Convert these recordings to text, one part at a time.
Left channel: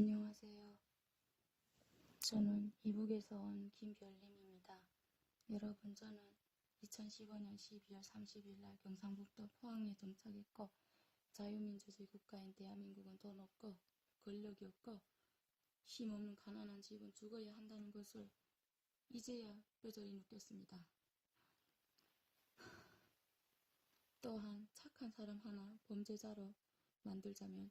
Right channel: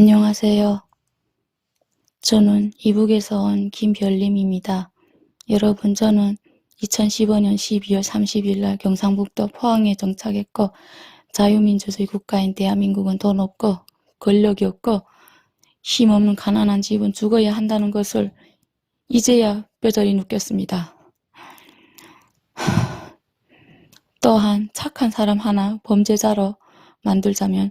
안녕하세요. 저는 이북에서 온 김별림입니다. 여러분, 저는 2015년 12월 30일 날 경상북도 포항에 정착했고, 자유민주주의 국가인 대한민국은 돈 없고 권력이 없고 힘없는 가난한 집은 죽어야 한다는 것을 이제야 뼈저리 느꼈습니다. 또한 착한 사람 하나 범죄자로 만들자면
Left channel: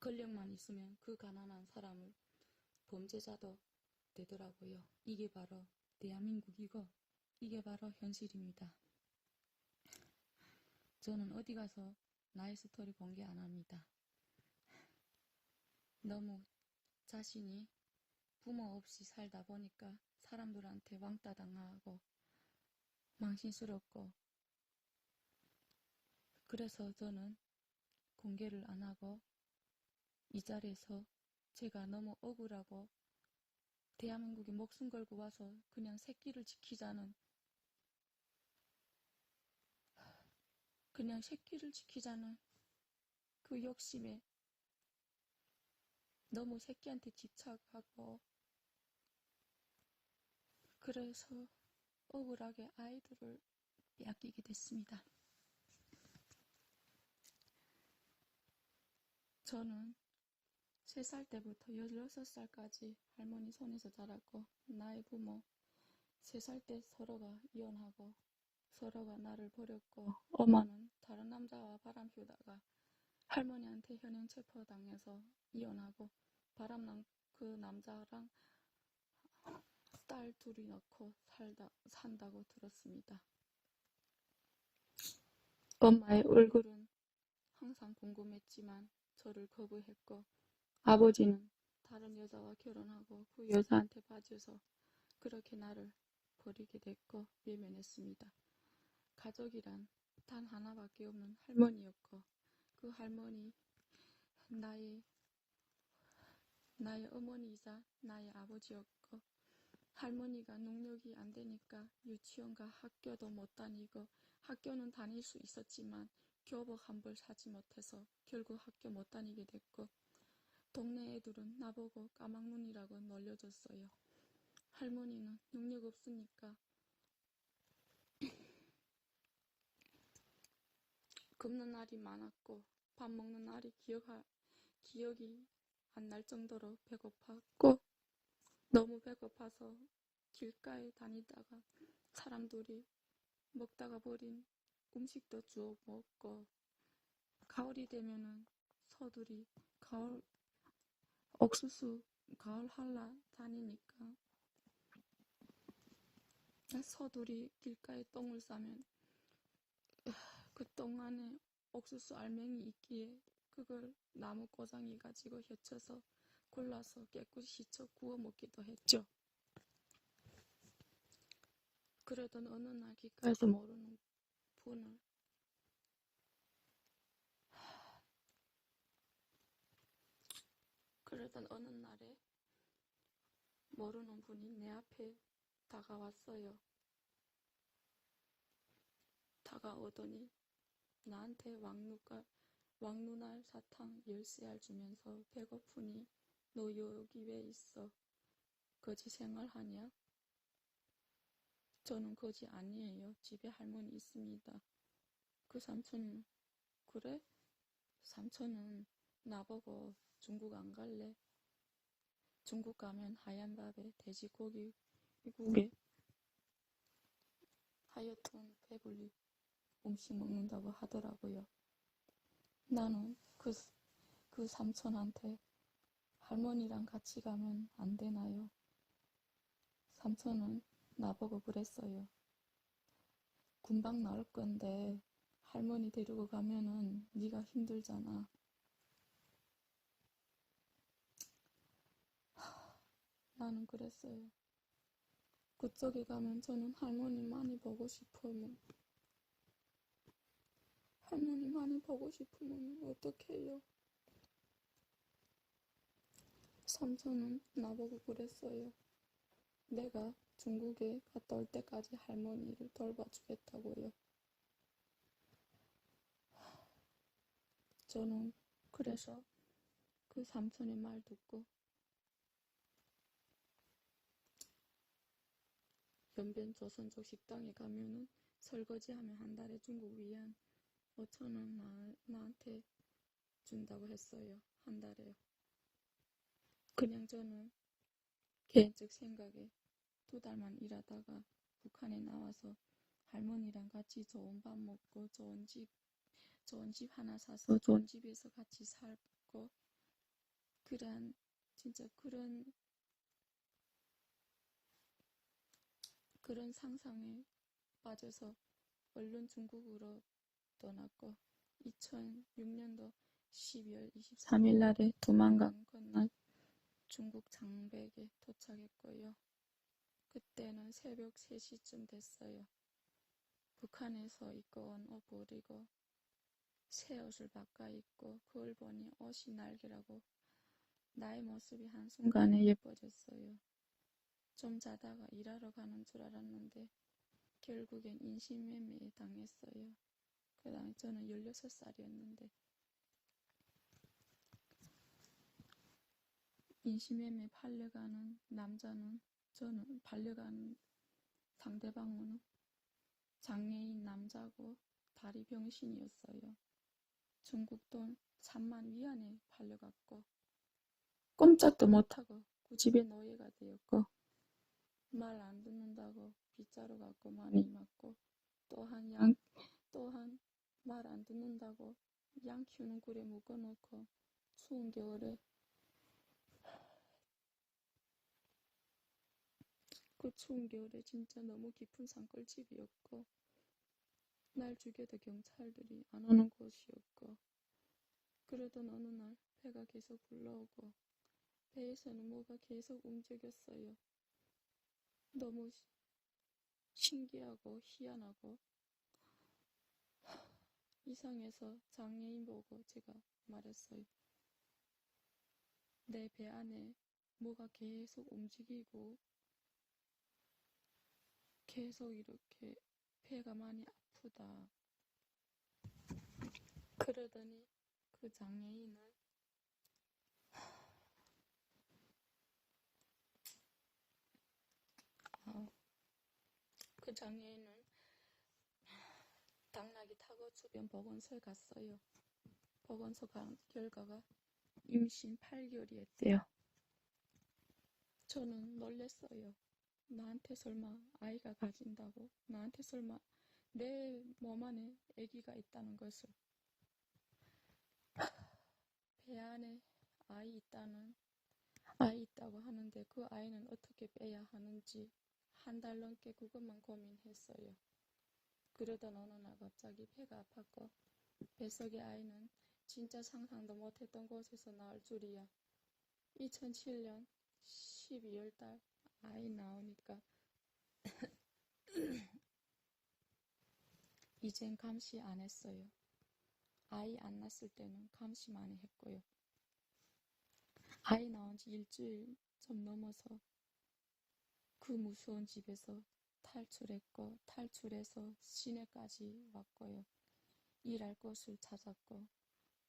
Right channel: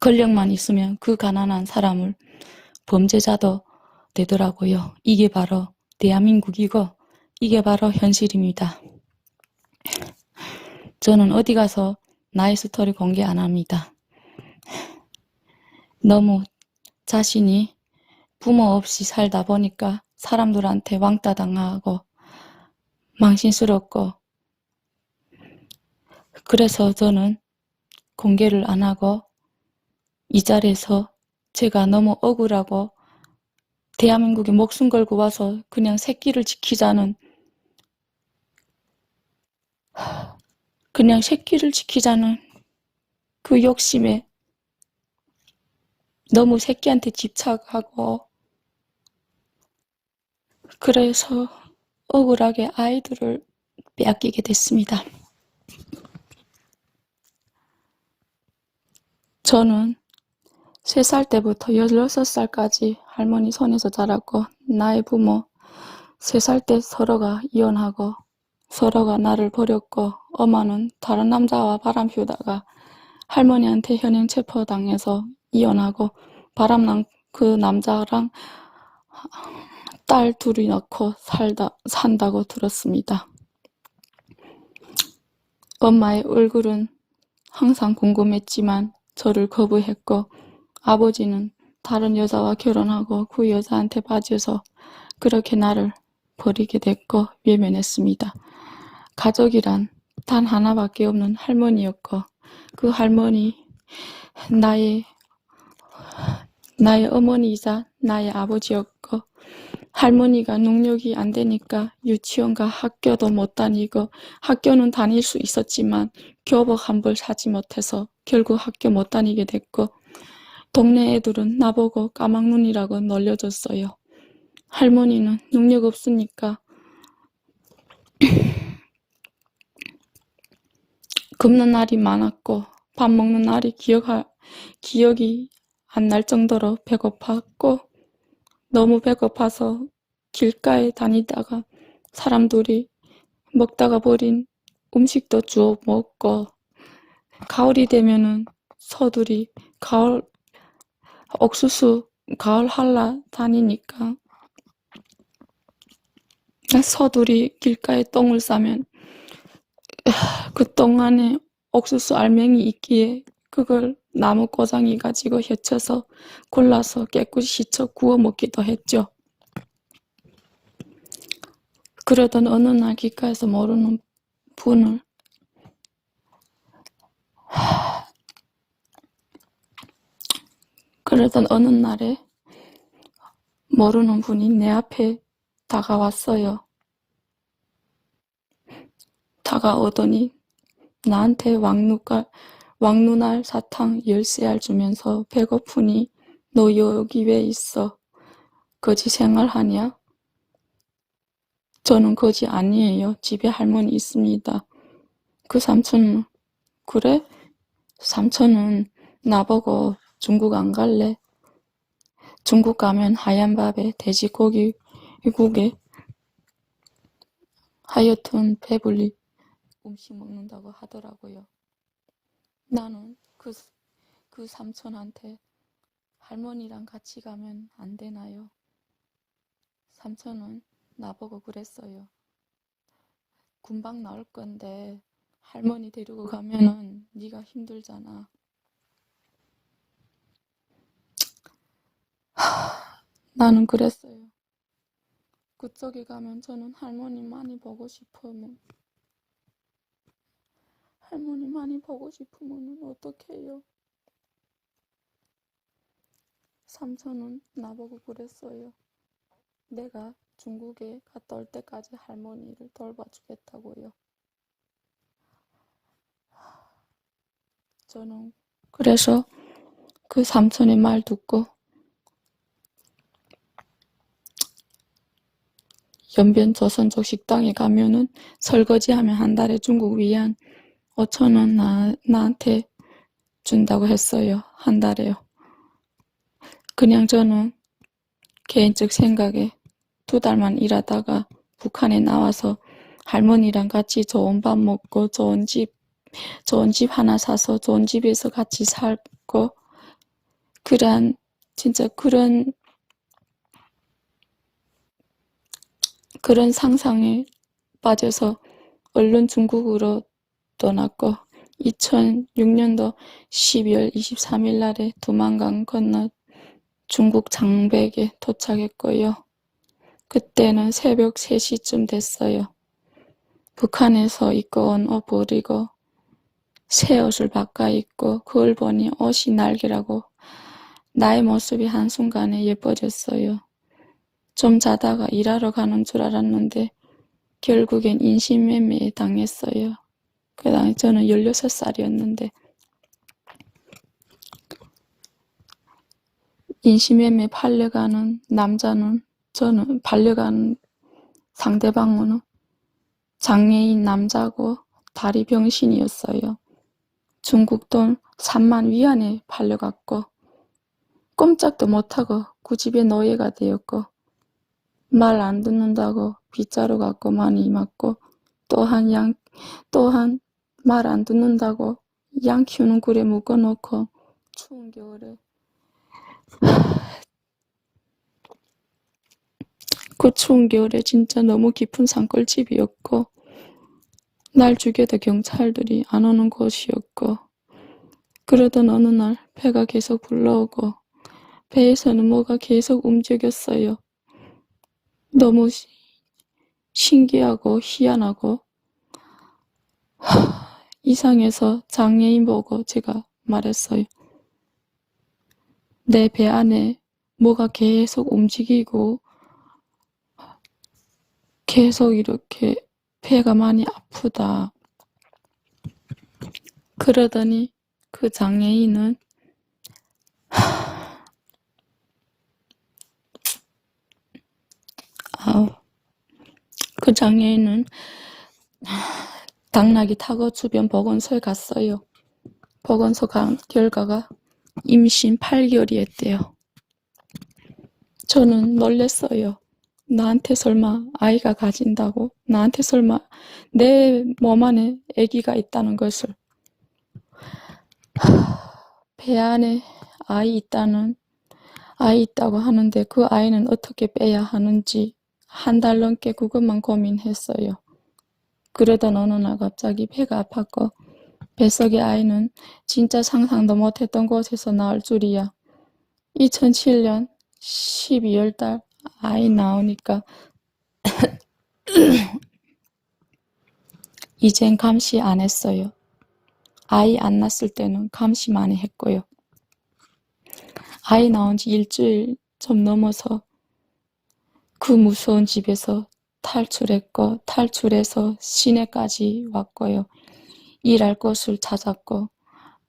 권력만 있으면 그 가난한 사람을 범죄자도 되더라고요. 이게 바로 대한민국이고 이게 바로 현실입니다. 저는 어디 가서 나의 스토리 공개 안 합니다. 너무 자신이 부모 없이 살다 보니까 사람들한테 왕따 당하고 망신스럽고, 그래서 저는 공개를 안 하고 이 자리에서 제가 너무 억울하고 대한민국에 목숨 걸고 와서 그냥 새끼를 지키자는 그 욕심에 너무 새끼한테 집착하고, 그래서 억울하게 아이들을 빼앗기게 됐습니다. 저는 3살 때부터 16살까지 할머니 손에서 자랐고, 나의 부모 3살 때 서로가 이혼하고 서로가 나를 버렸고, 엄마는 다른 남자와 바람 피우다가 할머니한테 현행 체포당해서 이혼하고 바람난 그 남자랑 딸 둘이 낳고 산다고 들었습니다. 엄마의 얼굴은 항상 궁금했지만 저를 거부했고, 아버지는 다른 여자와 결혼하고 그 여자한테 빠져서 그렇게 나를 버리게 됐고 외면했습니다. 가족이란 단 하나밖에 없는 할머니였고, 그 할머니 나의 어머니이자 나의 아버지였고, 할머니가 능력이 안 되니까 유치원과 학교도 못 다니고, 학교는 다닐 수 있었지만 교복 한 벌 사지 못해서 결국 학교 못 다니게 됐고, 동네 애들은 나보고 까막눈이라고 놀려줬어요. 할머니는 능력 없으니까 굶는 날이 많았고, 밥 먹는 날이 기억이 안 날 정도로 배고팠고, 너무 배고파서 길가에 다니다가 사람들이 먹다가 버린 음식도 주워 먹고, 가을이 되면은 서들이 가을 할라 다니니까 서들이 길가에 똥을 싸면 그 똥 안에 옥수수 알맹이 있기에 그걸 나무 꼬장이 가지고 헤쳐서 골라서 깨끗이 씻어 구워 먹기도 했죠. 그러던 어느 날 길가에서 모르는 분을 그러던 어느 날에 모르는 분이 내 앞에 다가왔어요. 다가오더니 나한테 왕눈알 사탕 10알 주면서 배고프니 너 여기 왜 있어? 거지 생활하냐? 저는 거지 아니에요. 집에 할머니 있습니다. 그 삼촌은 그래? 삼촌은 나보고 중국 안 갈래? 중국 가면 하얀 밥에 돼지고기국에 하여튼 배불리 음식 먹는다고 하더라고요. 나는 그 삼촌한테 할머니랑 같이 가면 안 되나요? 삼촌은 나보고 그랬어요. 금방 나올 건데 할머니 데리고 가면은 네가 힘들잖아. 나는 그랬어요. 그쪽에 가면 저는 할머니 많이 보고 싶으면 어떻게 해요? 삼촌은 나보고 그랬어요. 내가 중국에 갔다 올 때까지 할머니를 돌봐주겠다고요. 저는 그래서 그 삼촌의 말 듣고 연변 조선족 식당에 가면은 설거지하면 한 달에 중국 위안 5,000원 나한테 준다고 했어요. 한 달에요. 그냥 저는 개인적 생각에 2달만 일하다가 북한에 나와서 할머니랑 같이 좋은 밥 먹고 좋은 집 하나 사서 좋은 집에서 같이 살고 진짜 그런 상상에 빠져서 얼른 중국으로 떠났고 2006년도 12월 23일 날에 두만강 건너 중국 장백에 도착했고요. 그때는 새벽 3시쯤 됐어요. 북한에서 입고 온 옷 버리고 새 옷을 바꿔 입고 그걸 보니 옷이 날개라고 나의 모습이 한순간에 예뻐졌어요. 좀 자다가 일하러 가는 줄 알았는데 결국엔 인신매매에 당했어요. 그 당시 저는 16살이었는데 인신매매 팔려가는 남자는 저는 팔려가는 상대방은 장애인 남자고 다리 병신이었어요. 중국 돈 3만 위안에 팔려갔고 꼼짝도 못하고 그 집의 노예가 되었고 말 안 듣는다고 빗자루 갖고 많이 맞고 또한 말 안 듣는다고 양 키우는 굴에 묶어놓고 추운 겨울에 그 추운 겨울에 진짜 너무 깊은 산골집이었고 날 죽여도 경찰들이 안 오는 곳이었고 그러던 어느 날 배가 계속 불러오고 배에서는 뭐가 계속 움직였어요. 너무 신기하고 희한하고 이상해서 장애인 보고 제가 말했어요. 내 배 안에 뭐가 계속 움직이고 계속 이렇게 배가 많이 아프다. 그러더니 그 장애인은 그 장애인은 당나귀 타고 주변 보건소에 갔어요. 보건소 간 결과가 임신 8개월이었대요. 저는 놀랬어요. 나한테 설마 아이가 가진다고? 나한테 설마 내 몸 안에 아기가 있다는 것을. 배 안에 아이 있다고 하는데 그 아이는 어떻게 빼야 하는지 한 달 넘게 그것만 고민했어요. 그러던 어느 날 갑자기 배가 아팠고 뱃속의 아이는 진짜 상상도 못했던 곳에서 나올 줄이야. 2007년 12월 달 아이 나오니까 이젠 감시 안 했어요. 아이 안 낳았을 때는 감시 많이 했고요. 아이 나온 지 일주일 좀 넘어서 그 무서운 집에서 탈출했고 탈출해서 시내까지 왔고요. 일할 곳을 찾았고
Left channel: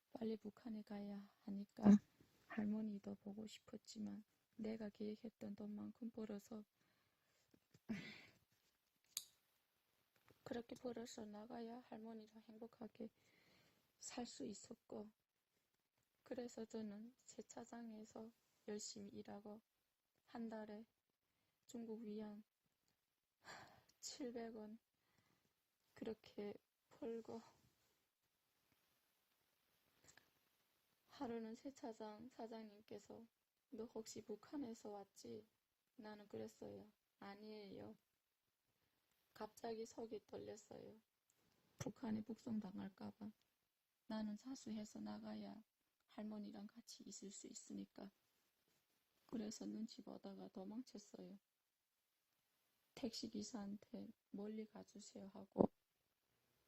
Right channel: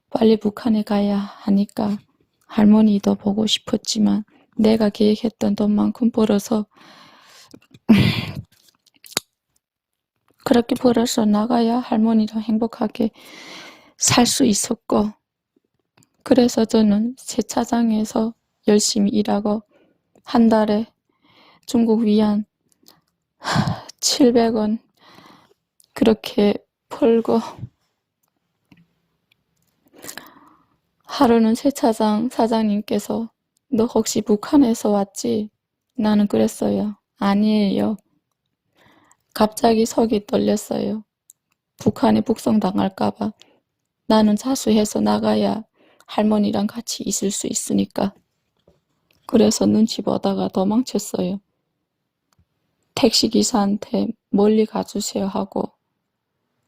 빨리 북한에 가야 하니까 할머니도 보고 싶었지만 내가 계획했던 돈만큼 벌어서 그렇게 벌어서 나가야 할머니랑 행복하게 살 수 있었고 그래서 저는 세차장에서 열심히 일하고 한 달에 중국 위안 700원 그렇게 벌고 하루는 세차장 사장님께서 너 혹시 북한에서 왔지? 나는 그랬어요. 아니에요. 갑자기 속이 떨렸어요. 북한에 북송당할까봐. 나는 자수해서 나가야 할머니랑 같이 있을 수 있으니까. 그래서 눈치 보다가 도망쳤어요. 택시기사한테 멀리 가주세요 하고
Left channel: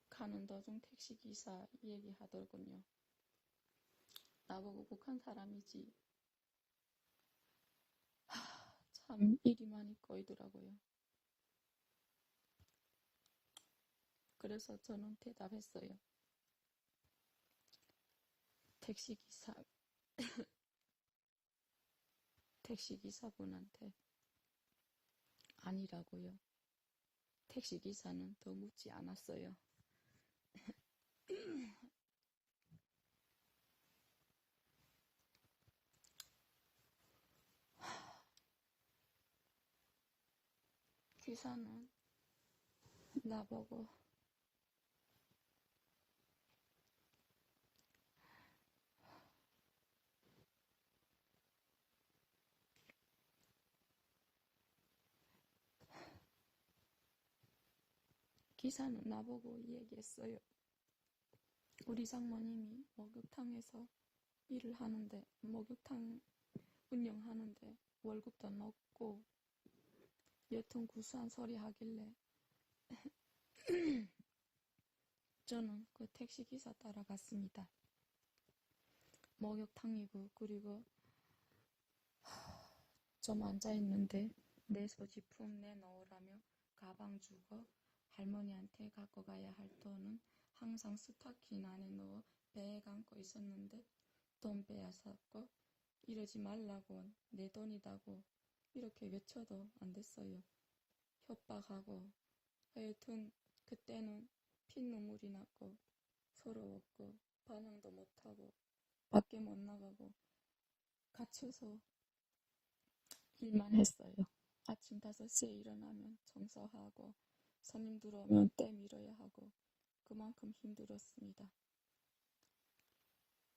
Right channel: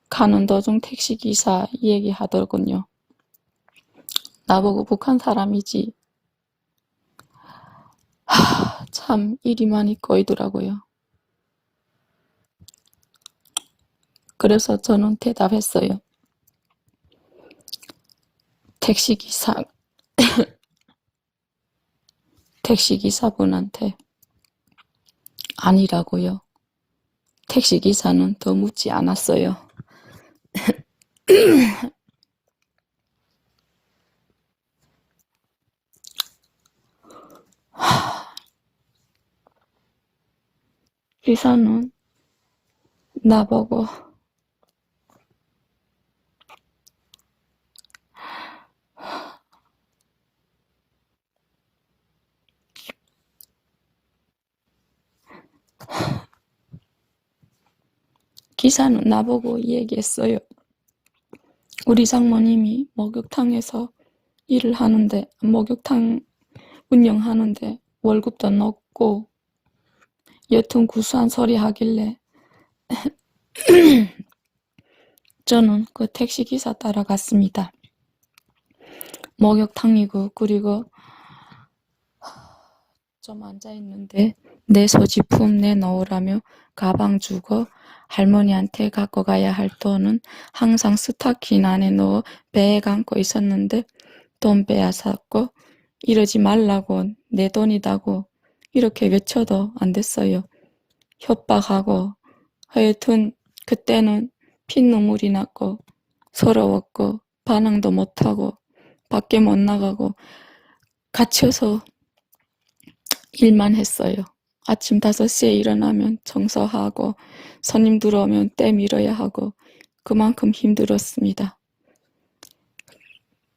가는 도중 택시기사 얘기하더군요. 나보고 북한 사람이지. 참 일이 많이 꼬이더라고요. 그래서 저는 대답했어요. 택시기사분한테 아니라고요. 택시기사는 더 묻지 않았어요. 기사는 나보고 얘기했어요. 우리 장모님이 목욕탕에서 일을 하는데, 목욕탕 운영하는데 월급도 높고 여튼 구수한 소리 하길래 저는 그 택시기사 따라갔습니다. 목욕탕이고, 그리고 좀 앉아있는데 내 소지품 내놓으라며 가방 주고 할머니한테 갖고 가야 할 돈은 항상 스타킹 안에 넣어 배에 감고 있었는데 돈 빼앗았고 이러지 말라고, 내 돈이다고 이렇게 외쳐도 안 됐어요. 협박하고 하여튼 그때는 핏눈물이 났고 서러웠고 반항도 못하고 밖에 못 나가고 갇혀서 일만 했어요. 아침 5시에 일어나면 청소하고 손님 들어오면 때 밀어야 하고 그만큼 힘들었습니다.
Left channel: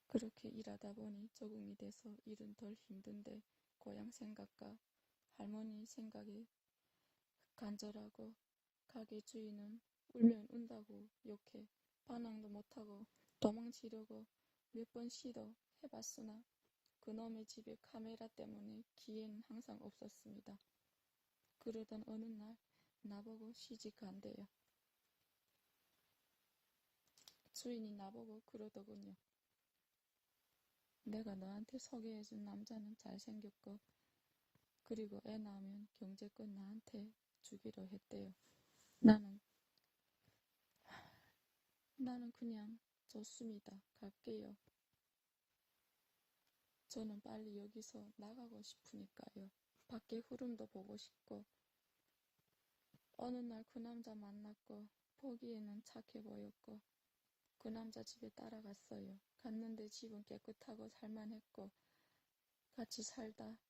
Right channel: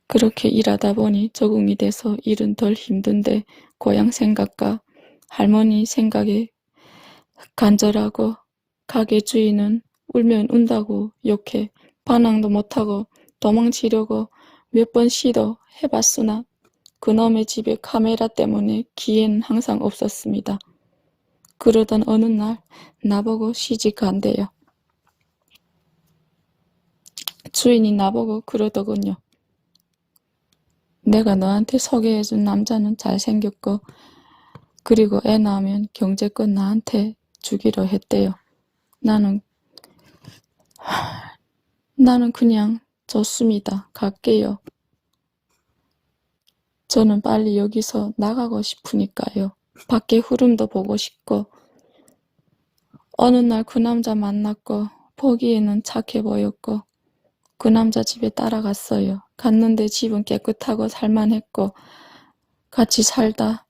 그렇게 일하다 보니 적응이 돼서 일은 덜 힘든데 고향 생각과 할머니 생각에 간절하고 가게 주인은 울면 운다고 욕해 반항도 못하고 도망치려고 몇 번 시도 해봤으나 그놈의 집에 카메라 때문에 기회는 항상 없었습니다. 그러던 어느 날 나보고 시집 간대요. 주인이 나보고 그러더군요. 내가 너한테 소개해준 남자는 잘생겼고 그리고 애 낳으면 경제권 나한테 주기로 했대요. 나는 그냥 좋습니다. 갈게요. 저는 빨리 여기서 나가고 싶으니까요. 밖에 흐름도 보고 싶고 어느 날 그 남자 만났고 보기에는 착해 보였고 그 남자 집에 따라갔어요. 갔는데 집은 깨끗하고 살만했고 같이 살다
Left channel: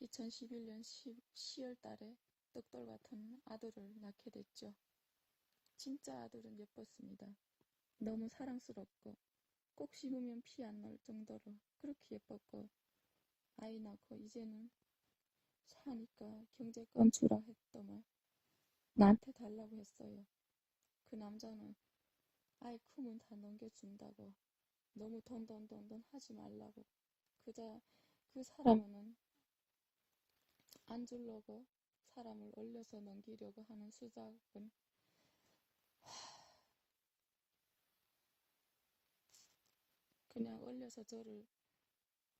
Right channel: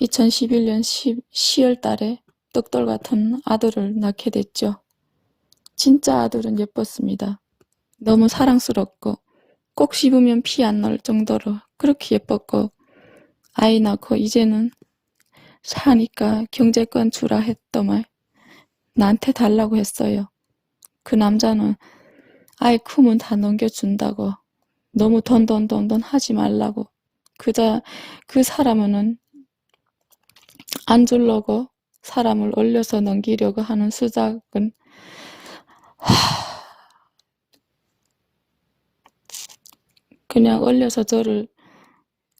2011년 10월 달에 떡돌 같은 아들을 낳게 됐죠. 진짜 아들은 예뻤습니다. 너무 사랑스럽고 꼭 씹으면 피 안 날 정도로 그렇게 예뻤고 아이 낳고 이제는 사니까 경제권 주라 했더만 나한테 달라고 했어요. 그 남자는 아이 크면 다 넘겨준다고 너무 돈 하지 말라고 그 사람은 안 주려고 사람을 올려서 넘기려고 하는 수작은 그냥 올려서 저를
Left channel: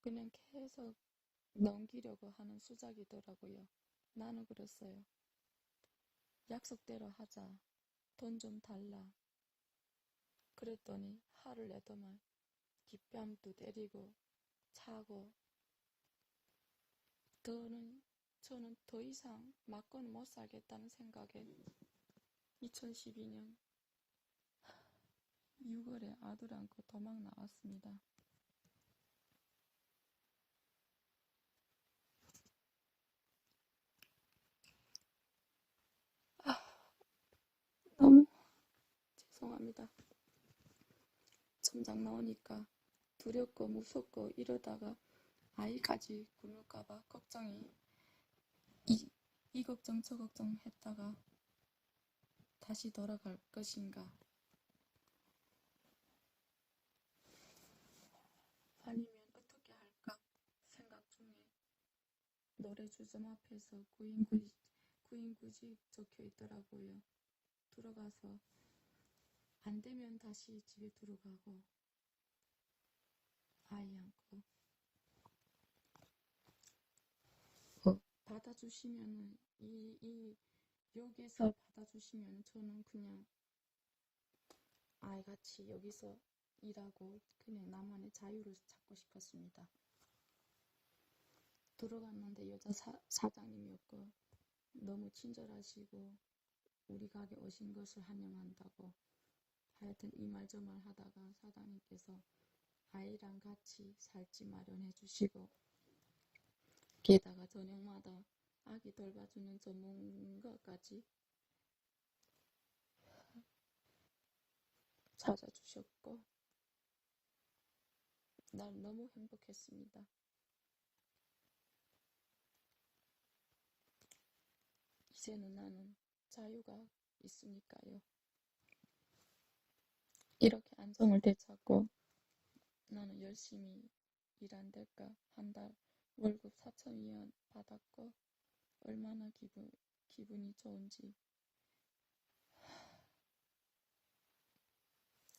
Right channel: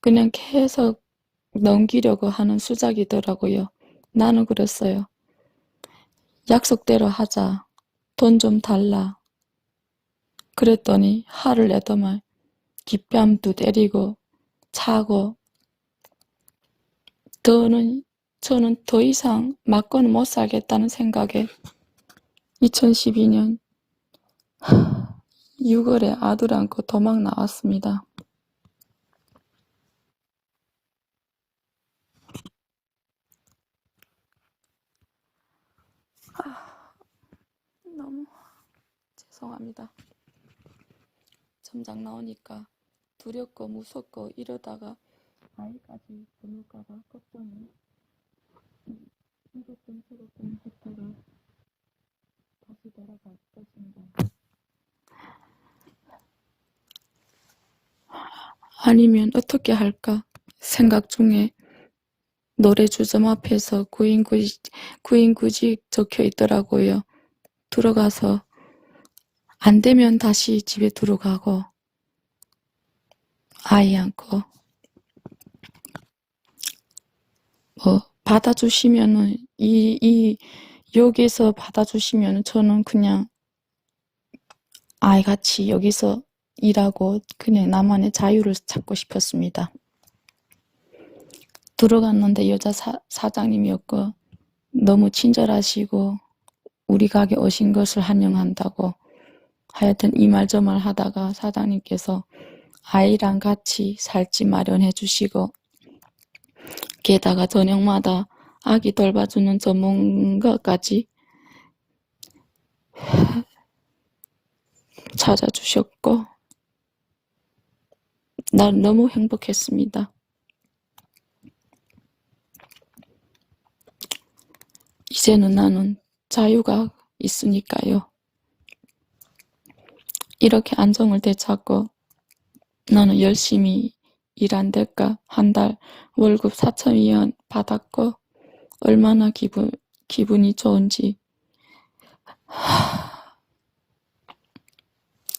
그냥 계속 넘기려고 하는 수작이더라고요. 나는 그랬어요. 약속대로 하자. 돈 좀 달라. 그랬더니 화를 내더만 뒷뺨도 때리고 차고 저는 더 이상 맞고는 못 살겠다는 생각에 2012년 6월에 아들 안고 도망 나왔습니다. 너무 죄송합니다. 점장 나오니까 두렵고 무섭고 이러다가 아이까지 보낼까봐 걱정이 이 걱정 저 걱정 했다가 다시 돌아갈 것인가 아니면 어떻게 할까 생각 중에 노래 주점 앞에서 구인구직 적혀 있더라고요. 들어가서 안 되면 다시 집에 들어가고 아이 안고 받아주시면은 여기서 받아주시면은 저는 그냥 아이같이 여기서 일하고 그냥 나만의 자유를 찾고 싶었습니다. 들어갔는데 여자 사장님이었고 너무 친절하시고 우리 가게 오신 것을 환영한다고 하여튼 이 말 저 말 하다가 사장님께서 아이랑 같이 살집 마련해 주시고 게다가 저녁마다 아기 돌봐주는 전문가까지 찾아주셨고 난 너무 행복했습니다. 이제는 나는 자유가 있으니까요. 이렇게 안정을 되찾고 나는 열심히 일한 대가 한 달 월급 4,200원 받았고 얼마나 기분이 좋은지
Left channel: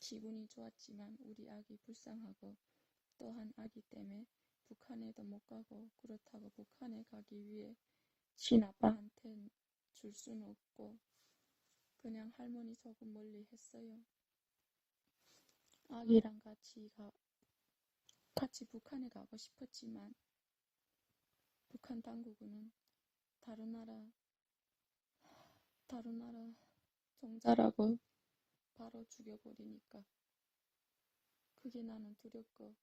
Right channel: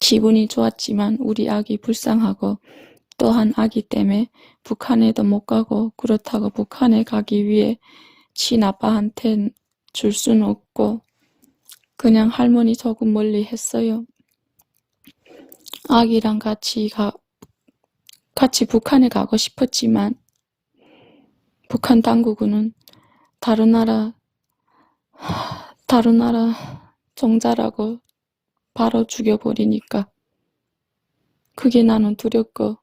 기분이 좋았지만 우리 아기 불쌍하고 또한 아기 때문에 북한에도 못 가고 그렇다고 북한에 가기 위해 친아빠한텐 줄 수는 없고 그냥 할머니 조금 멀리 했어요. 아기랑 같이 북한에 가고 싶었지만 북한 당국은 다른 나라 종자라고 바로 죽여버리니까 그게 나는 두렵고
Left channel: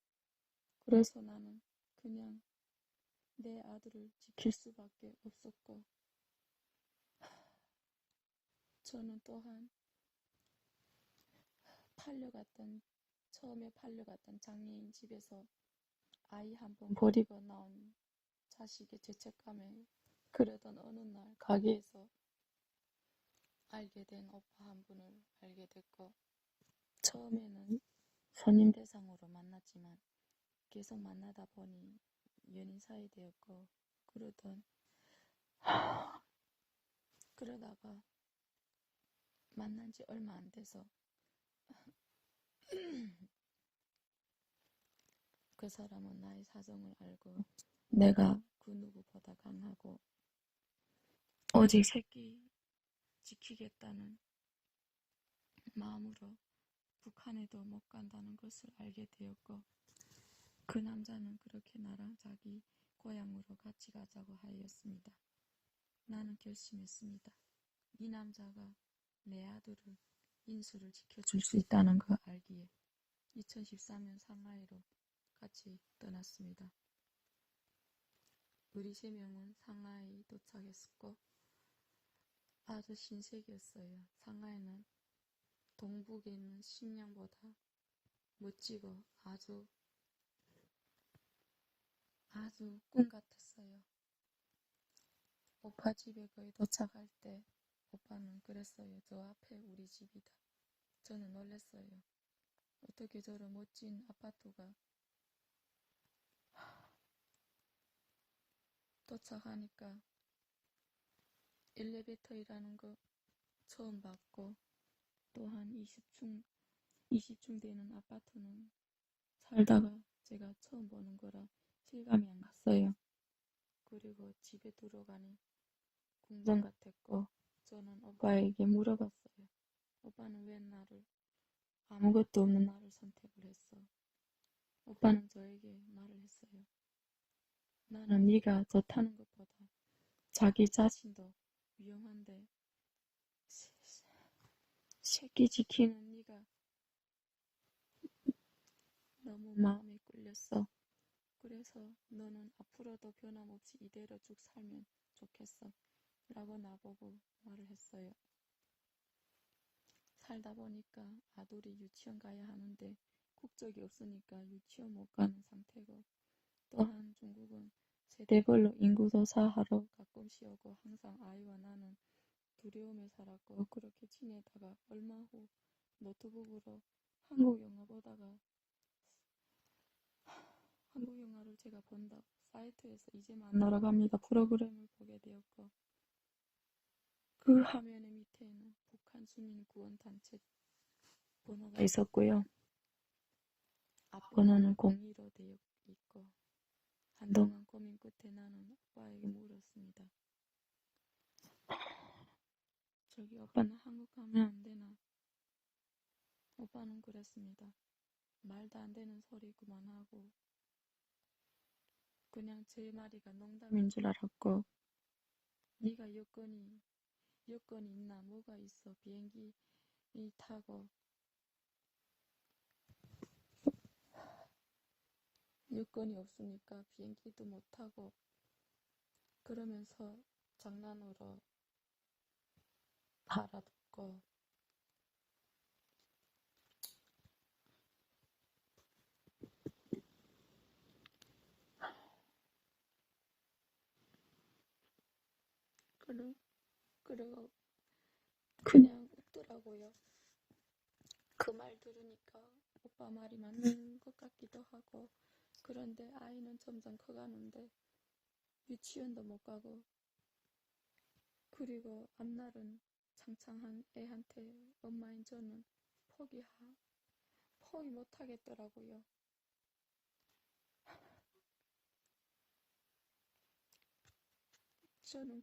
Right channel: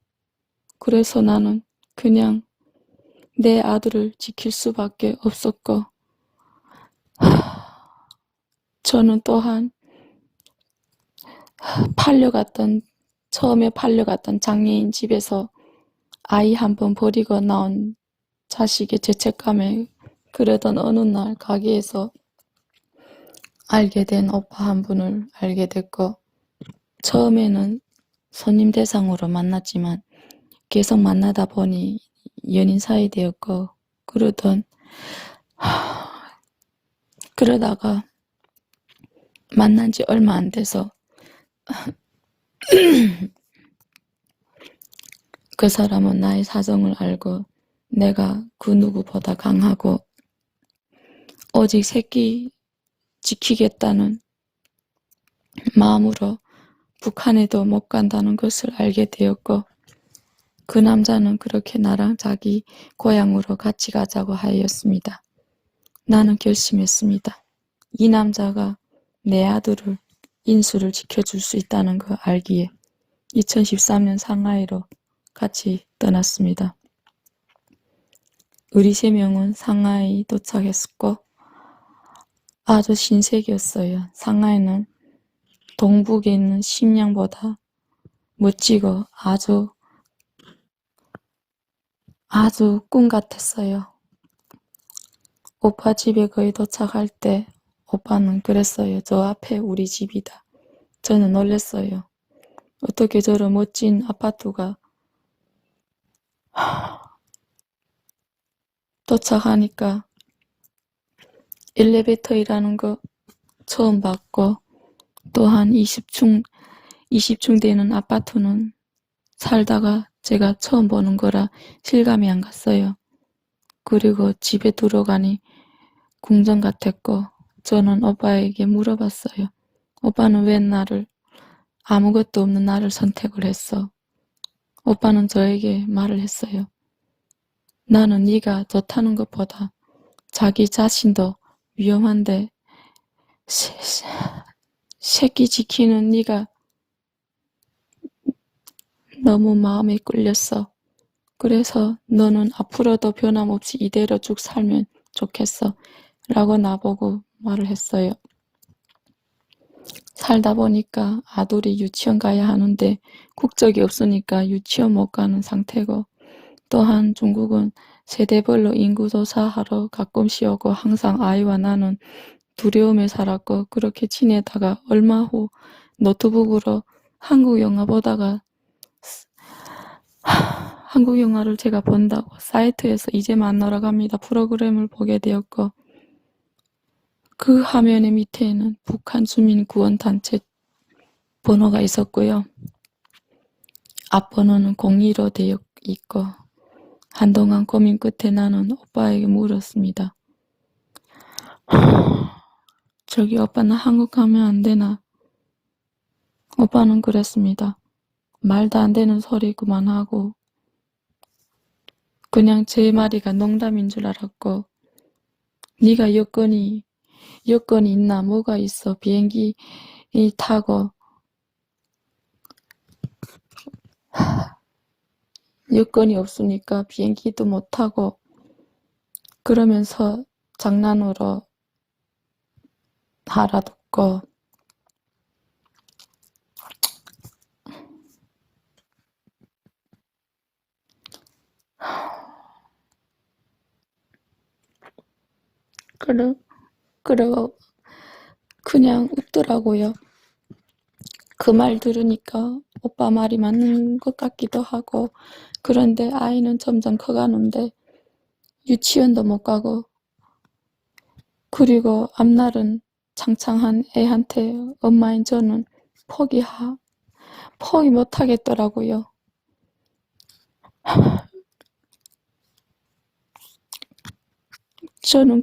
그래서 나는 그냥 내 아들을 지킬 수밖에 없었고 저는 또한 처음에 팔려갔던 장애인 집에서 아이 한 번 버리고 나온 자식의 죄책감에 그러던 어느 날 가게에서 알게 된 오빠 한 분을 알게 됐고 처음에는 손님 대상으로 만났지만 계속 만나다 보니 연인 사이 되었고 그러다가 만난 지 얼마 안 돼서 그 사람은 나의 사정을 알고 내가 그 누구보다 강하고 오직 새끼 지키겠다는 마음으로 북한에도 못 간다는 것을 알게 되었고 그 남자는 그렇게 나랑 자기 고향으로 같이 가자고 하였습니다. 나는 결심했습니다. 이 남자가 내 아들을 인수를 지켜줄 수 있다는 거 알기에 2013년 상하이로 같이 떠났습니다. 우리 3명은 상하이 도착했고 아주 신세계였어요. 상하이는 동북에 있는 심양보다 멋지고 아주 꿈 같았어요. 오빠 집에 거의 도착할 때 오빠는 그랬어요. 저 앞에 우리 집이다. 저는 놀랐어요. 어떻게 저런 멋진 아파트가 도착하니까 엘리베이터이라는 거 처음 봤고 또한 20층 되는 아파트는 살다가 제가 처음 보는 거라 실감이 안 갔어요. 그리고 집에 들어가니 궁전 같았고 저는 오빠에게 물어봤어요. 오빠는 왜 아무것도 없는 나를 선택을 했어? 오빠는 저에게 말을 했어요. 나는 네가 좋다는 것보다 자기 자신도 위험한데 새끼 지키는 네가 너무 마음에 끌렸어. 그래서 너는 앞으로도 변함없이 이대로 쭉 살면 좋겠어. 라고 나보고 말을 했어요. 살다 보니까 아들이 유치원 가야 하는데 국적이 없으니까 유치원 못 가는 상태고 또한 중국은 세대별로 인구조사하러 가끔씩 오고 항상 아이와 나는 두려움에 살았고 그렇게 지내다가 얼마 후 노트북으로 한국 영화 보다가 한국 영화를 제가 본다고 사이트에서 이제 만나러 갑니다 프로그램을 보게 되었고 그 화면의 밑에는 북한 주민구원단체 번호가 있었고요. 앞번호는 02로 되어 있고 한동안 고민 끝에 나는 오빠에게 물었습니다. 저기 오빠 나 한국 가면 안 되나? 오빠는 그랬습니다. 말도 안 되는 소리 그만하고 그냥 제 말이가 농담인 줄 알았고 네가 여건이 있나 뭐가 있어 비행기 타고 여건이 없으니까 비행기도 못 타고 그러면서 장난으로 알아듣고 그러고 그냥 웃더라고요. 그 말 들으니까 오빠 말이 맞는 것 같기도 하고 그런데 아이는 점점 커가는데 유치원도 못 가고 그리고 앞날은 창창한 애한테 엄마인 저는 포기 못 하겠더라고요. 저는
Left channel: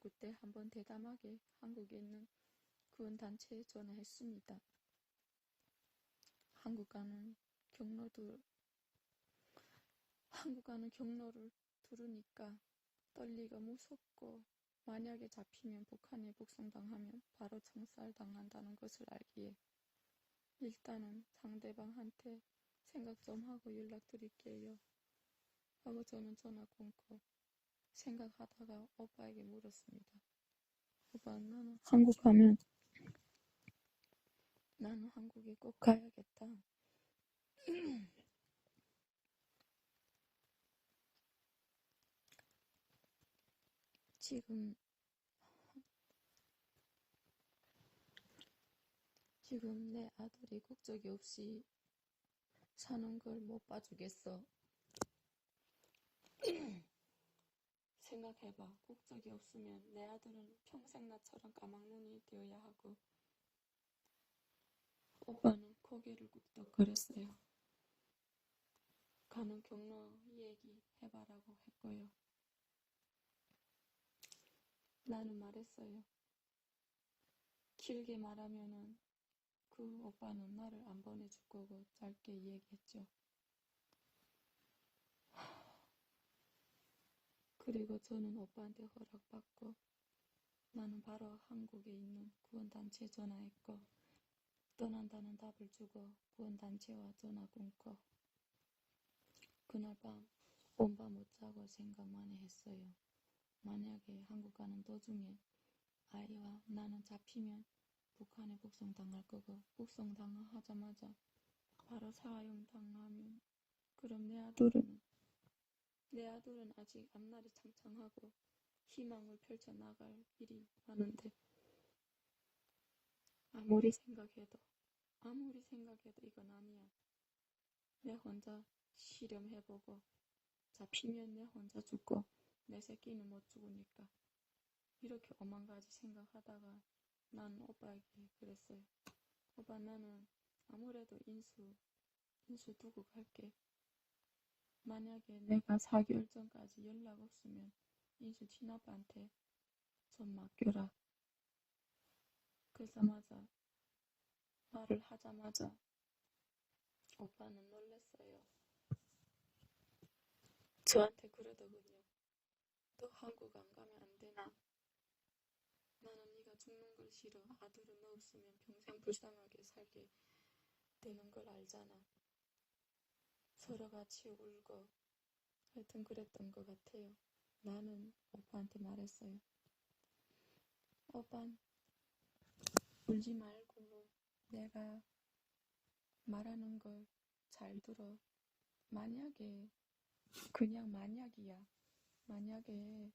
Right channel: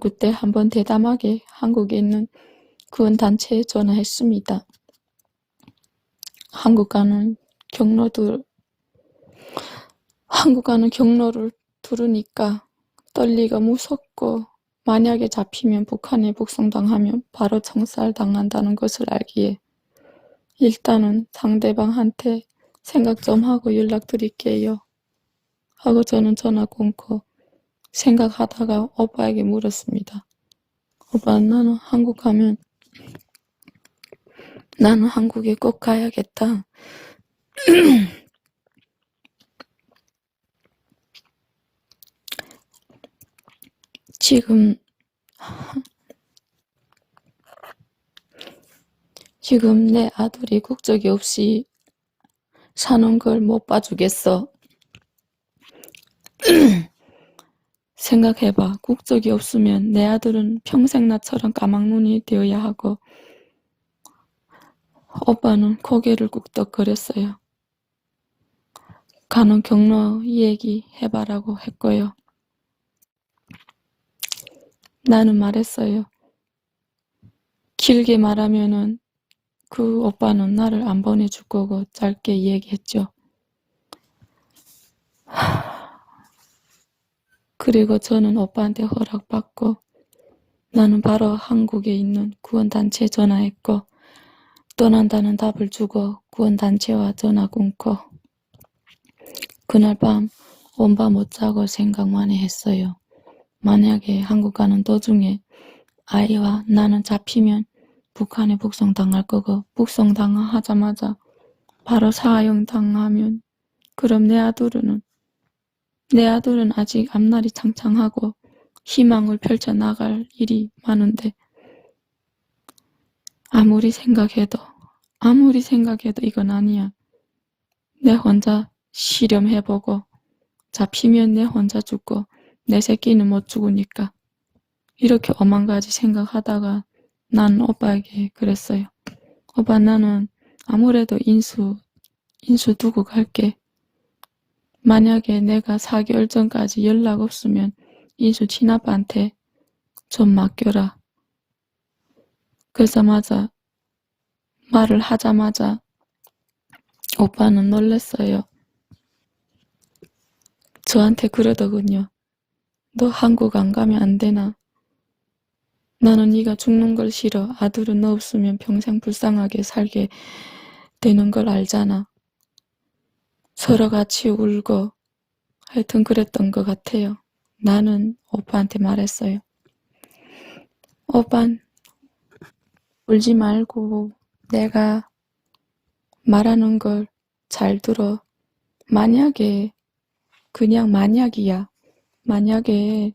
그때 한번 대담하게 한국에 있는 구원단체에 전화했습니다. 한국 가는 경로를 들으니까 떨리고 무섭고 만약에 잡히면 북한에 북송당하면 바로 청살당한다는 것을 알기에 일단은 상대방한테 생각 좀 하고 연락드릴게요 하고 저는 전화 끊고 생각하다가 오빠에게 물었습니다. 오빠 나는 한국에 꼭 가야겠다. 지금 내 아들이 국적이 없이 사는 걸 못 봐주겠어. 생각해봐. 국적이 없으면 내 아들은 평생 나처럼 까막눈이 되어야 하고 오빠는 고개를 꾹덕거렸어요. 가는 경로 얘기 해봐라고 했고요. 나는 말했어요. 길게 말하면은 그 오빠는 나를 안 보내줄 거고 짧게 얘기했죠. 그리고 저는 오빠한테 허락받고 나는 바로 한국에 있는 구원단체에 전화했고 떠난다는 답을 주고 구원단체와 전화 끊고 그날 밤 온 밤 못 자고 생각만 했어요. 만약에 한국 가는 도중에 아이와 나는 잡히면 북한에 북송당할 거고 북송당하자마자 바로 사형당하면 그럼 내 아들은 아직 앞날이 창창하고 희망을 펼쳐나갈 일이 많은데 아무리 생각해도 이건 아니야. 내 혼자 실험해보고 잡히면 내 혼자 죽고 내 새끼는 못 죽으니까 이렇게 오만 가지 생각하다가 난 오빠에게 그랬어요. 오빠 나는 아무래도 인수 두고 갈게. 만약에 내가 4개월 전까지 연락 없으면 인수 친아빠한테 좀 맡겨라. 그러자마자 말을 하자마자 오빠는 놀랐어요. 저한테 그러더군요. 너 한국 안 가면 안 되나? 나는 네가 죽는 걸 싫어. 아들은 너 없으면 평생 불쌍하게 살게 되는 걸 알잖아. 서로 같이 울고 하여튼 그랬던 것 같아요. 나는 오빠한테 말했어요. 오빠 울지 말고 내가 말하는 걸 잘 들어. 만약에 그냥 만약이야. 만약에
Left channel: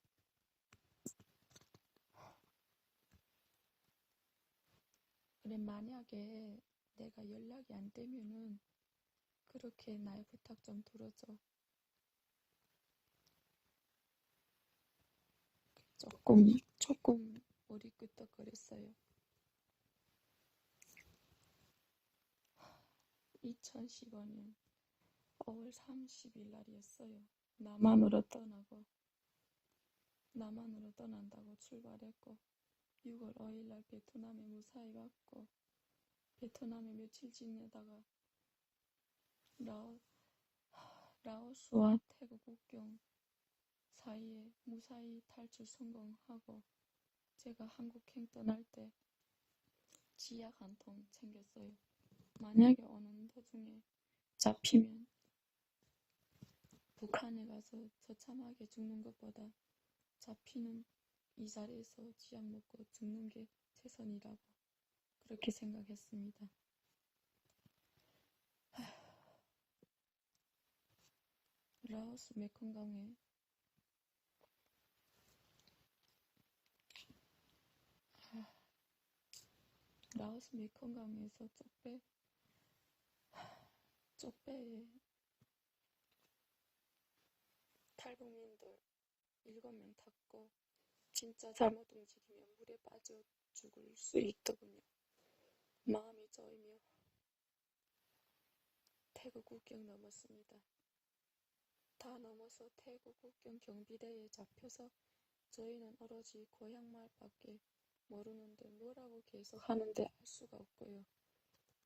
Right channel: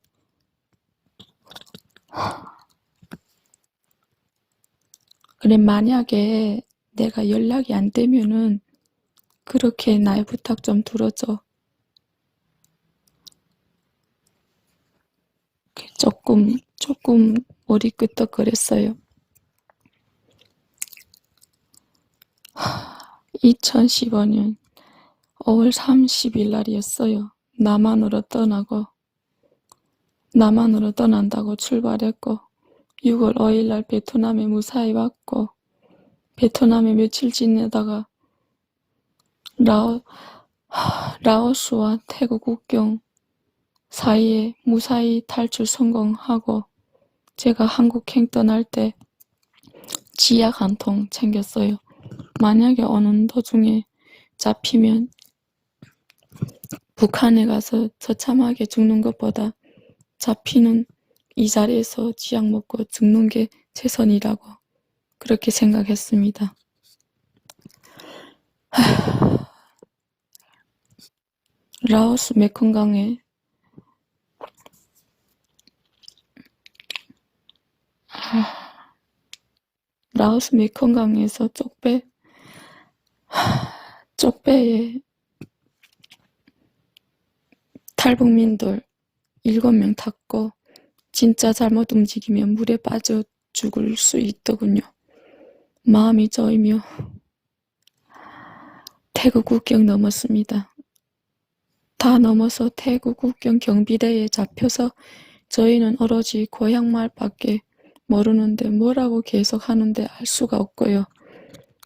그래 만약에 내가 연락이 안 되면은 그렇게 나의 부탁 좀 들어줘. 조금 머리 끄덕거렸어요. 2015년 5월 30일 날이었어요. 남한으로 떠난다고 출발했고 6월 5일 날 베트남에 무사히 왔고 베트남에 며칠 지내다가 라오스와 태국 국경 사이에 무사히 탈출 성공하고 제가 한국행 떠날 때 지약 한 통 챙겼어요. 만약에 오는 도중에 잡히면 북한에 가서 처참하게 죽는 것보다 잡히는 이 자리에서 지약 먹고 죽는 게 최선이라고 그렇게 생각했습니다. 라오스 메콩강에 라오스 메콩강에서 쪽배에 탈북민들 7명 탔고 진짜 잘못 움직이면 물에 빠져 죽을 수 있더군요. 마음이 저이며 태국 국경 넘었습니다. 다 넘어서 태국 국경 경비대에 잡혀서 저희는 오로지 고향 말밖에 모르는데 뭐라고 계속 하는데 알 수가 없고요.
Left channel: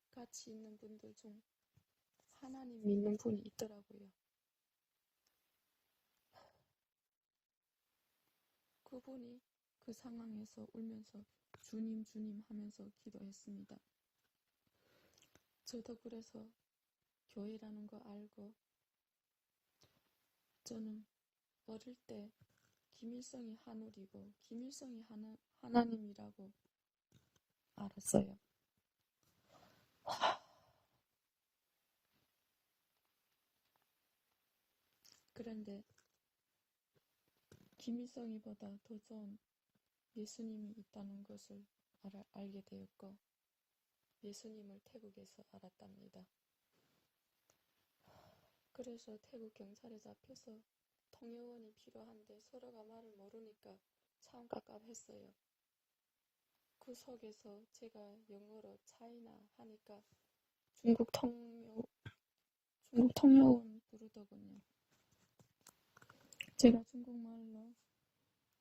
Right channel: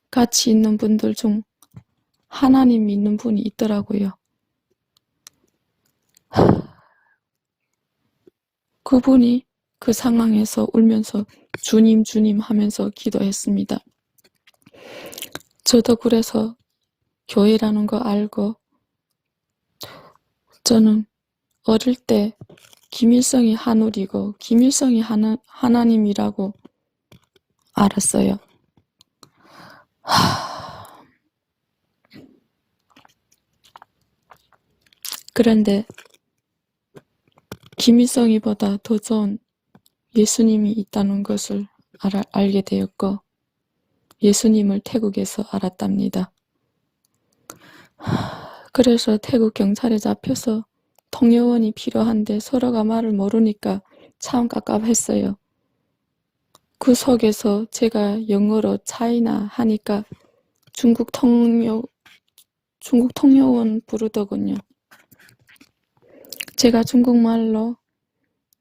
같이 있는 분들 중 하나님 믿는 분이 있더라고요. 그분이 그 상황에서 울면서 주님 주님 하면서 기도했습니다. 저도 그래서 교회라는 거 알고 저는 어릴 때 김일성이 하늘이고 김일성이 하나님이라고 알았어요. 그런데 김일성이보다 더 좋은 예수님이 있다는 것을 알게 되었고 예수님을 태국에서 알았답니다. 그래서 태국 경찰에 잡혀서 통역원이 필요한데 서로가 말을 모르니까 참 깝깝했어요. 그 속에서 제가 영어로 차이나 하니까 중국 통역원 부르더군요. 제가 중국말로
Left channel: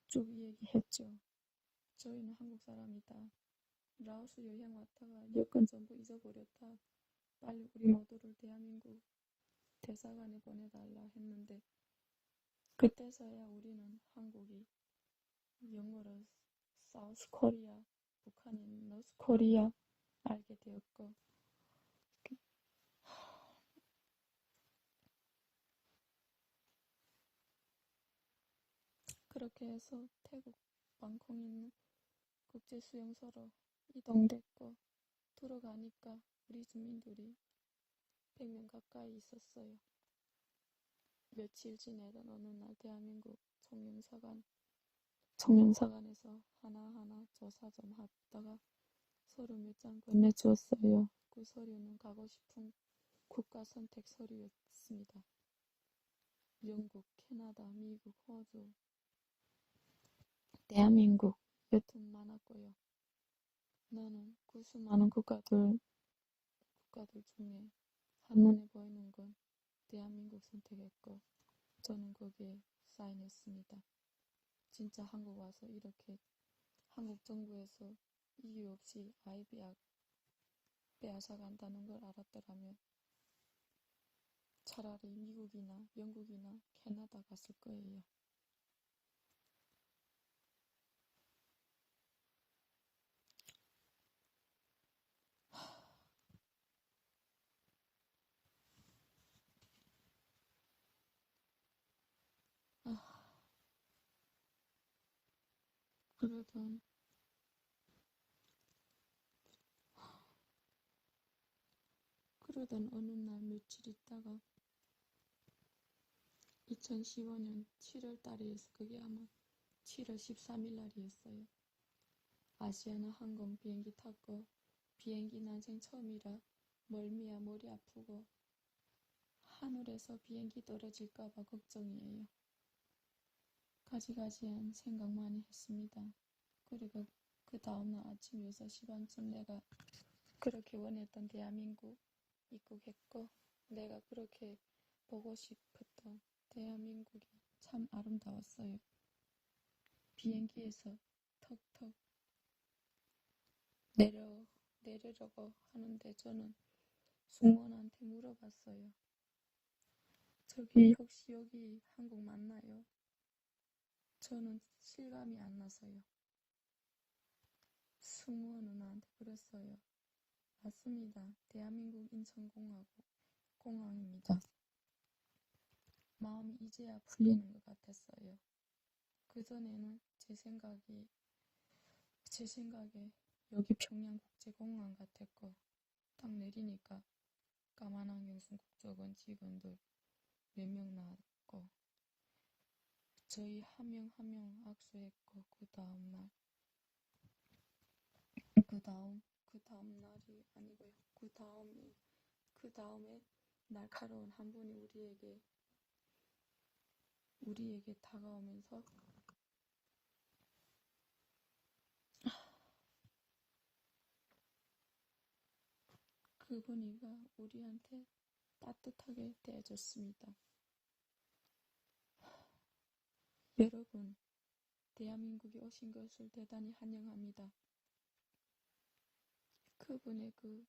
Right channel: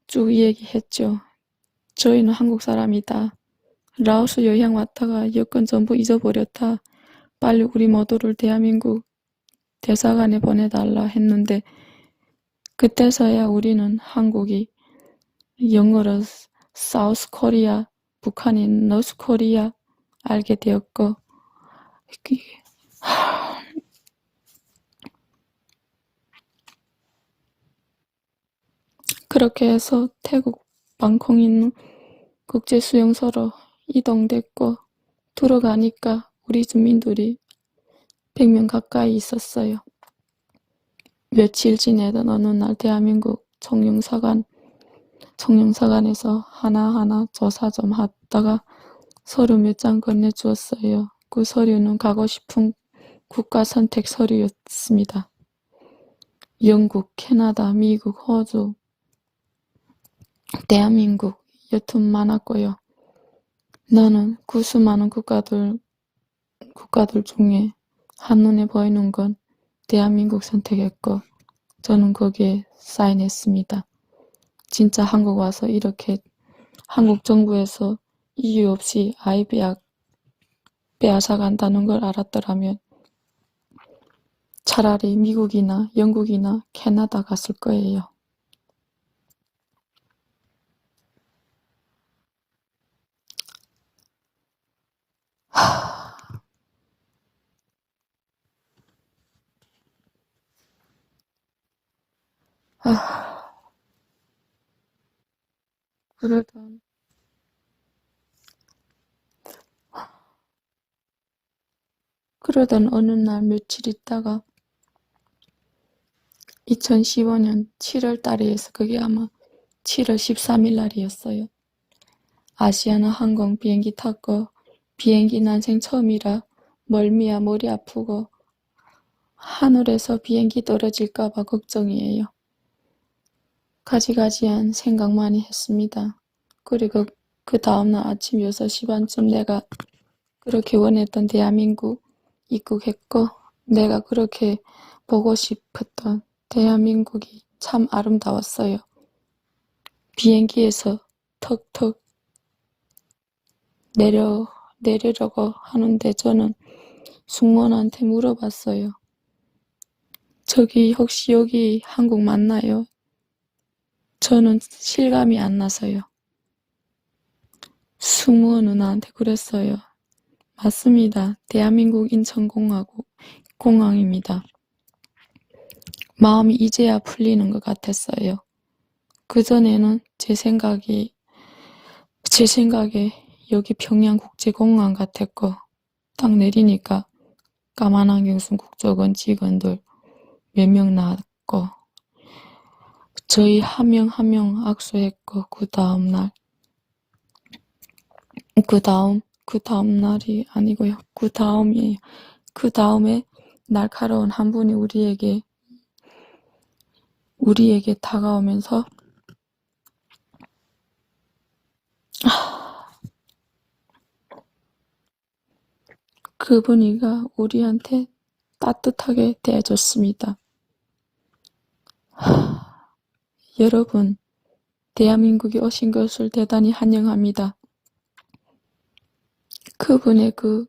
쭉 얘기했죠. 저희는 한국 사람이다. 라오스 여행 왔다가 여권 전부 잊어버렸다. 빨리 우리 모두를 대한민국 대사관에 보내달라 했는데 그때서야 우리는 한국이 영어로 사우스 코리아, 북한이 노스 코리아 알게 되었고 그렇게 해서 태국 방콕 있는 국제수용소로 이동됐고 들어가니까 우리 주민들이 100명 가까이 있었어요. 며칠 지내던 어느 날 대한민국 청룡사관에서 하나하나 조사 좀 하다가 서류 몇 장 건네주었어요. 그 서류는 가고 싶은 국가 선택 서류였습니다. 영국, 캐나다, 미국, 호주, 대한민국 여튼 많았고요. 나는 그 수많은 국가들 중에 한눈에 보이는 건 대한민국 선택했고 저는 거기에 사인했습니다. 진짜 한국 와서 이렇게 한국 정부에서 이유 없이 아이 빼앗아간다는 걸 알았더라면 차라리 미국이나 영국이나 캐나다 갔을 거예요. 그러던 어느 날 며칠 있다가 2015년 7월 달이어서 그게 아마 7월 13일 날이었어요. 아시아나 항공 비행기 탔고 비행기 난생 처음이라 멀미야 머리 아프고 하늘에서 비행기 떨어질까봐 걱정이에요. 가지가지한 생각 많이 했습니다. 그리고 그 다음날 아침 6시 반쯤 내가 그렇게 원했던 대한민국 입국했고 내가 그렇게 보고 싶었던 대한민국이 참 아름다웠어요. 비행기에서 턱턱 내리려고 하는데 저는 승무원한테 물어봤어요. 저기 혹시 여기 한국 맞나요? 저는 실감이 안 나서요. 승무원은 나한테 그랬어요. 맞습니다. 대한민국 인천공항입니다. 마음이 이제야 풀리는 것 같았어요. 그전에는 제 생각에 여기 평양국제공항 같았고, 딱 내리니까 까만 안경 쓴 국적원 직원들 몇 명 나왔고, 저희 한 명 한 명 악수했고, 그 다음 날이 아니고요. 그 다음이에요. 그 다음에 날카로운 한 분이 우리에게 다가오면서 그분이가 우리한테 따뜻하게 대해줬습니다. 여러분, 대한민국에 오신 것을 대단히 환영합니다. 그분의 그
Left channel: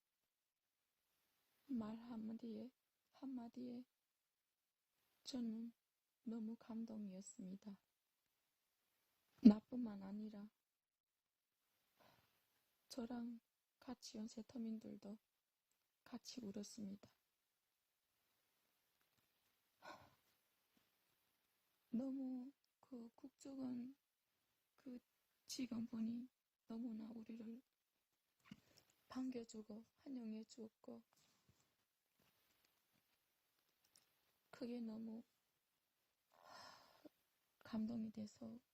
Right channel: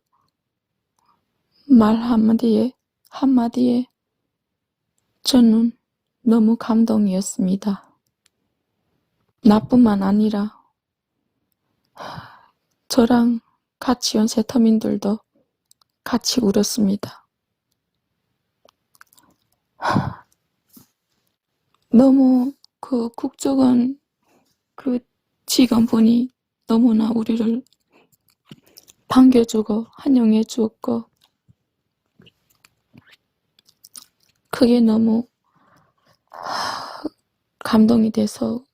말 한마디에 저는 너무 감동이었습니다. 나뿐만 아니라 저랑 같이 온 세터민들도 같이 울었습니다. 너무 그 국적원 그 직원분이 너무나 우리를 반겨주고 환영해 주었고, 그게 너무 감동이 돼서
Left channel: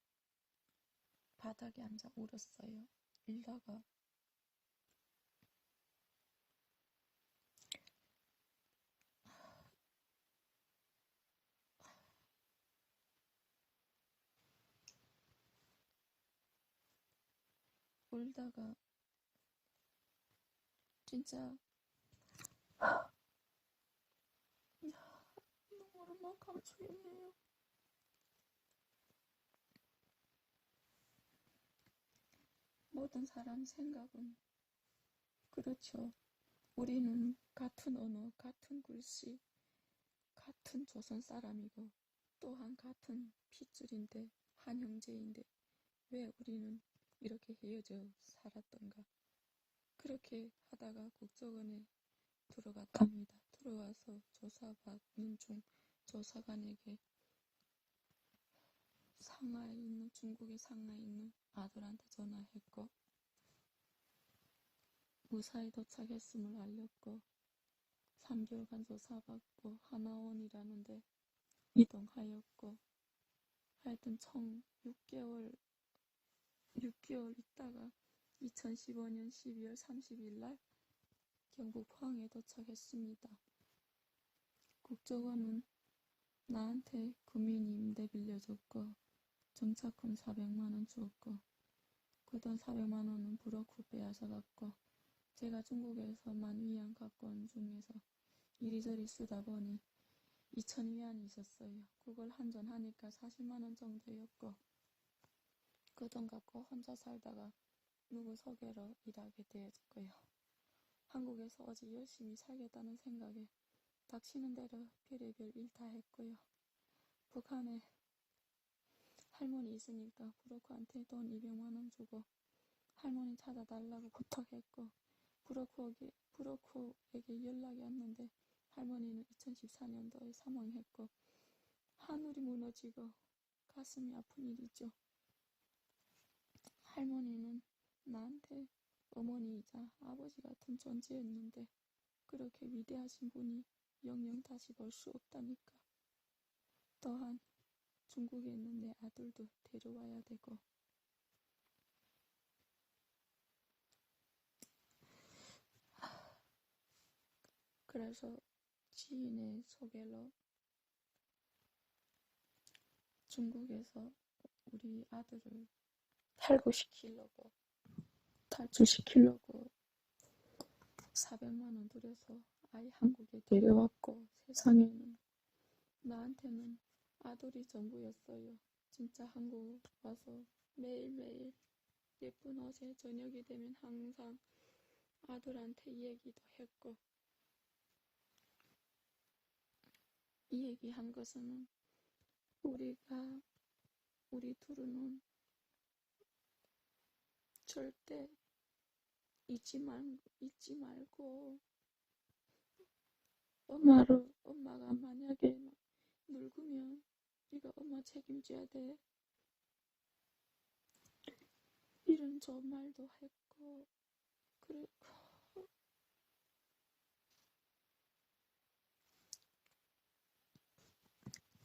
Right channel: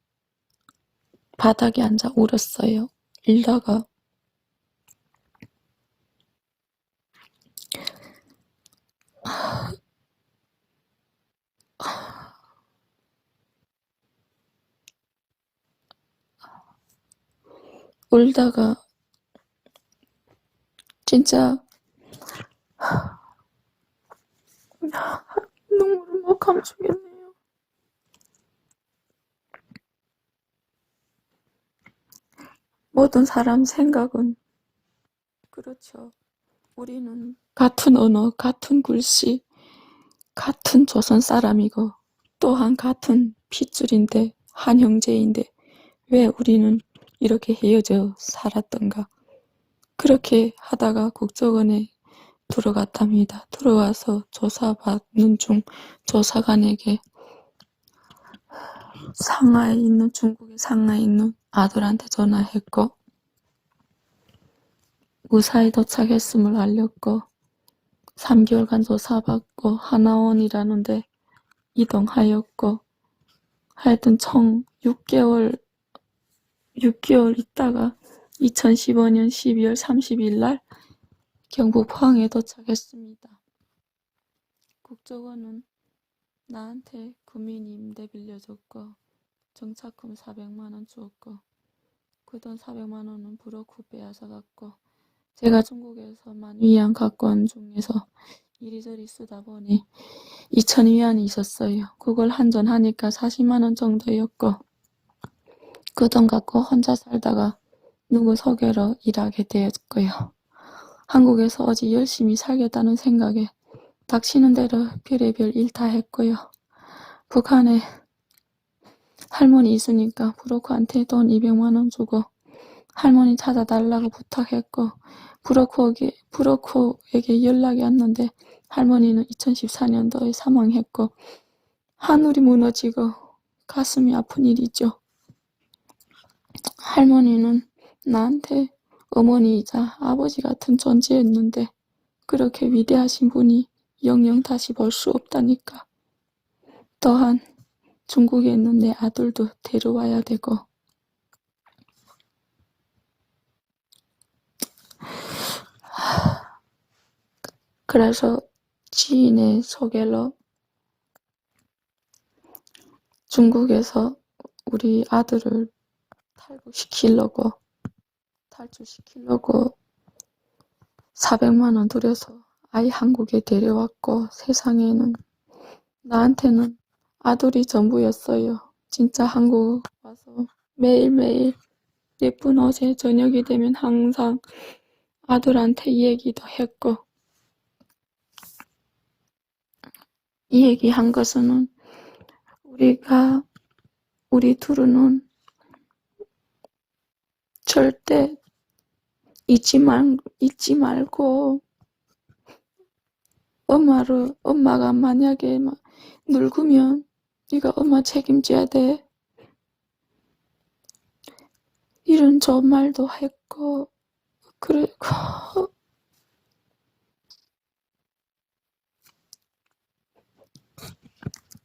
바닥에 앉아 울었어요. 울다가 진짜 눈물을 못 감추겠네요. 모든 사람 생각은 그렇죠. 우리는 같은 언어, 같은 글씨, 같은 조선 사람이고 또한 같은 핏줄인데 한 형제인데 왜 우리는 이렇게 헤어져 살았던가. 그렇게 하다가 국정원에 들어갔답니다. 들어와서 조사받는 중 조사관에게 중국의 상하이에 있는 아들한테 전화했고 무사히 도착했음을 알렸고 3개월간 조사받고 하나원이라는 데 이동하였고 하여튼 총 6개월 있다가 2015년 12월 30일 날 경북 포항에 도착했습니다. 국정원은 나한테 구민 임대 빌려줬고 정착금 400만원 주었고 그 돈 400만원은 브로커 빼앗아갔고 제가 중국에서만 위안 갖고 온 중에서 이리저리 쓰다 보니 2,000위안이 있었어요. 그걸 한전하니까 40만원 정도였고 그 돈 갖고 혼자 살다가 누구 소개로 일하게 되었고요. 한국에서 어디 열심히 살겠다는 생각에 닥치는 대로 별의별 일 다 했고요. 북한에 할머니 있으니까 브로커한테 돈 200만원 주고 할머니 찾아달라고 부탁했고 브로커에게 연락이 왔는데 할머니는 2014년도에 사망했고 하늘이 무너지고 가슴이 아픈 일이죠. 할머니는 나한테 어머니이자 아버지 같은 존재였는데 그렇게 위대하신 분이 영영 다시 볼 수 없다니까. 또한 중국에 있는 내 아들도 데려와야 되고 그래서 지인의 소개로 중국에서 우리 아들을 탈출시키려고 400만원 들여서 아이 한국에 데려왔고 세상에는 나한테는 아들이 전부였어요. 진짜 한국 와서 매일매일 예쁜 어제 저녁이 되면 항상 아들한테 이 얘기도 했고, 이 얘기한 것은 우리 둘은 절대 잊지 말고 엄마가 만약에 막 늙으면 네가 엄마 책임져야 돼. 이런 좋은 말도 했고, 그리고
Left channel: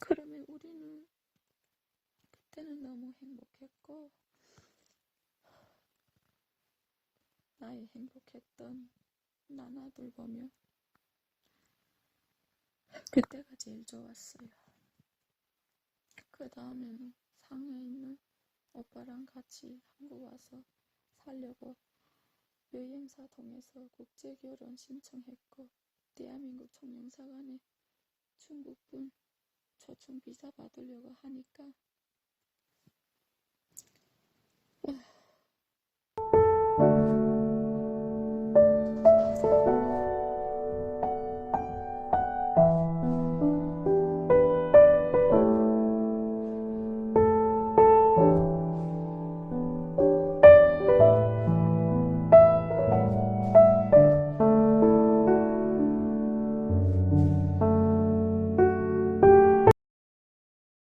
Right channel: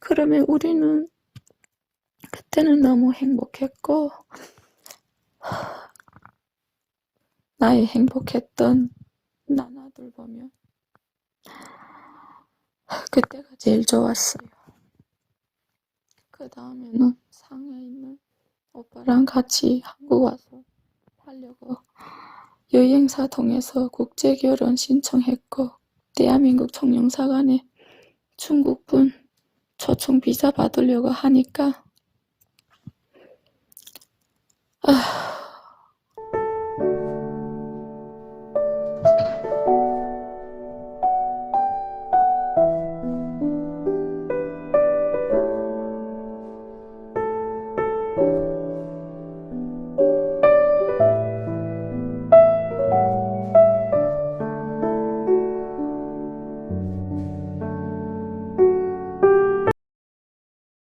그러면 우리는 그때는 너무 행복했고, 나의 행복했던 나나들 보면 그때가 제일 좋았어요. 그 다음에는 상해에 있는 오빠랑 같이 한국 와서 살려고 여행사 통해서 국제결혼 신청했고, 대한민국 청령사관에 중국분 초청 비자 받으려고 하니까